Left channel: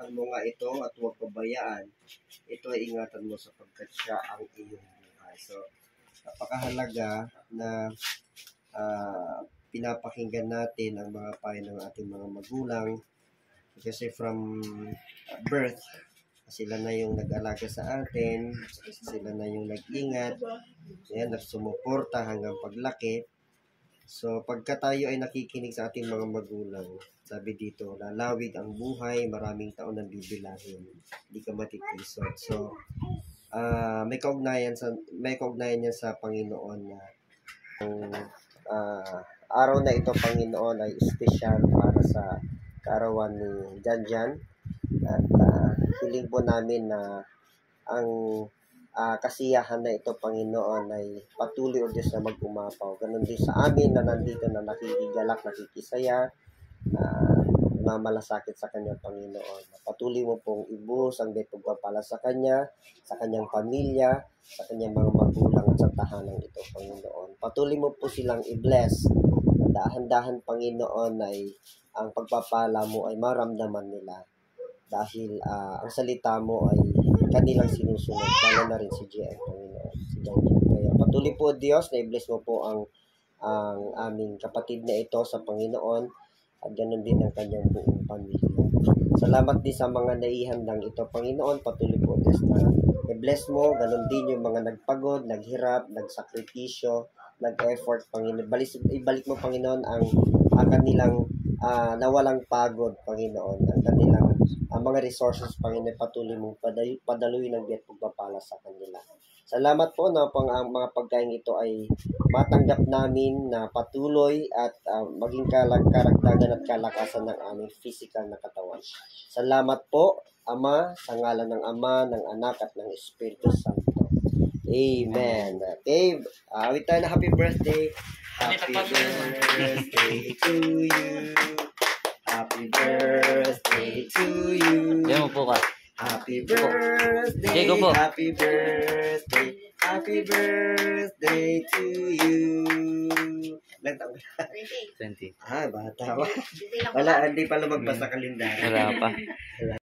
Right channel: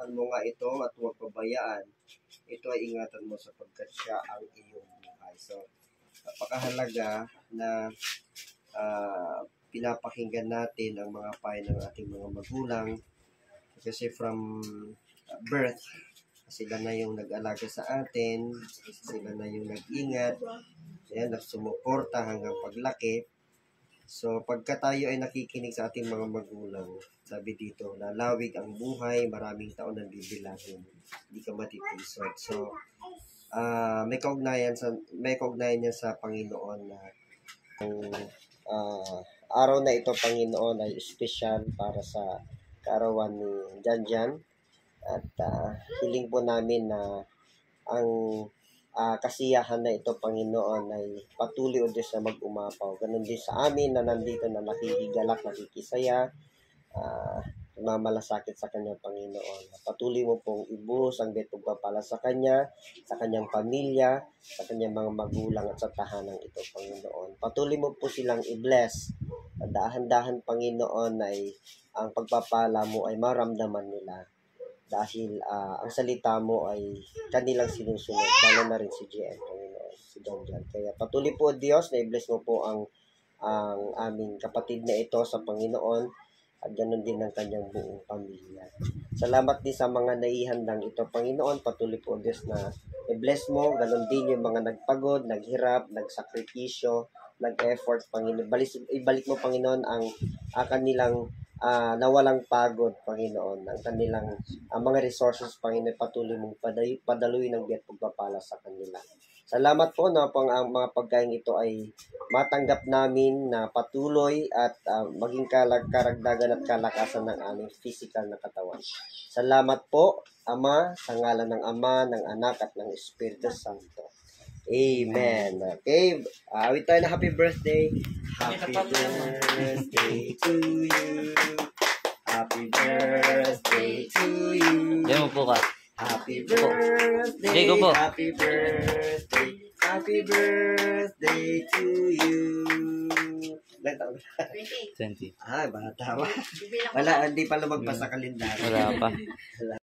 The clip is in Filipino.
Ingatan mo nga ito at huwag pabayaan. Ito ay ingatan mo sapagkat siya ang iyong buhay. So, napakahalaga na pinapakinggan natin ang mga payo ng ating mga magulang. Kasi from birth, sila na yung nag-alaga sa atin, sila na yung nag-ingat, nagsumuporta hanggang paglaki. So, pagka tayo ay nakikinig sa ating mga magulang, sabi dito, lalawig ang buhay, maraming taon na bibilangin, hindi ka matitisod. So, may kaugnayan yan sa Panginoon na araw na ito, Panginoon, ay espesyal para sa kaarawan ni Janjan. At hiling po namin na ang kasiyahan na ito, Panginoon, ay patuloy o Diyos na mag-umapaw. Ganon din sa amin na nandito na nakikigalak, nakikisaya, mamalasakit sa kanyang Panginoon. Patuloy mo pong ibuhos ang pagpapala sa kanya, sa kanyang pamilya, sa kanyang mga magulang at sa tahanan ito, Panginoon. Patuloy mo po silang i-bless. Dahan-dahan, Panginoon, ay ang pagpapala mo ay maramdaman nila. Dahil ang salita mo ay kanilang sinusunod, lalo na rin si JM, Panginoon, si Janjan. Kaya patuloy po, Diyos, na i-bless mo po ang aming kapatid na ito sa Panginoon at ganoon din ang kanyang buong pamilya. Salamat din sa mga naihandang ito, Panginoon. Patuloy po, Diyos, na i-bless mo, ganoon din yung mga nagpagod, naghirap, nagsakripisyo, nag-effort, Panginoon. Ibalik mo, Panginoon, ang kanilang nawalang pagod, Panginoon, ang kanilang mga resources, Panginoon, patuloy mong padaluin ng biyat pagpapala sa kanila. Salamat po na ang mga pagkain ito ay matanggap namin na patuloy at maging karagdagan at kalakasan ng aming physical na katawan. Salamat po, Ama, sa ngalan ng Ama, ng Anak at ng Espiritu Santo. Amen. Okay, awit tayo na happy birthday. Happy birthday to you. Happy birthday to you. Diyan mo po ka. Happy birthday. Go po. Happy birthday. Happy birthday to you. Ilang taon ka? 20. Bata pa. Wala, hindi pa lumagpas sa kalendaryo. Wala pa.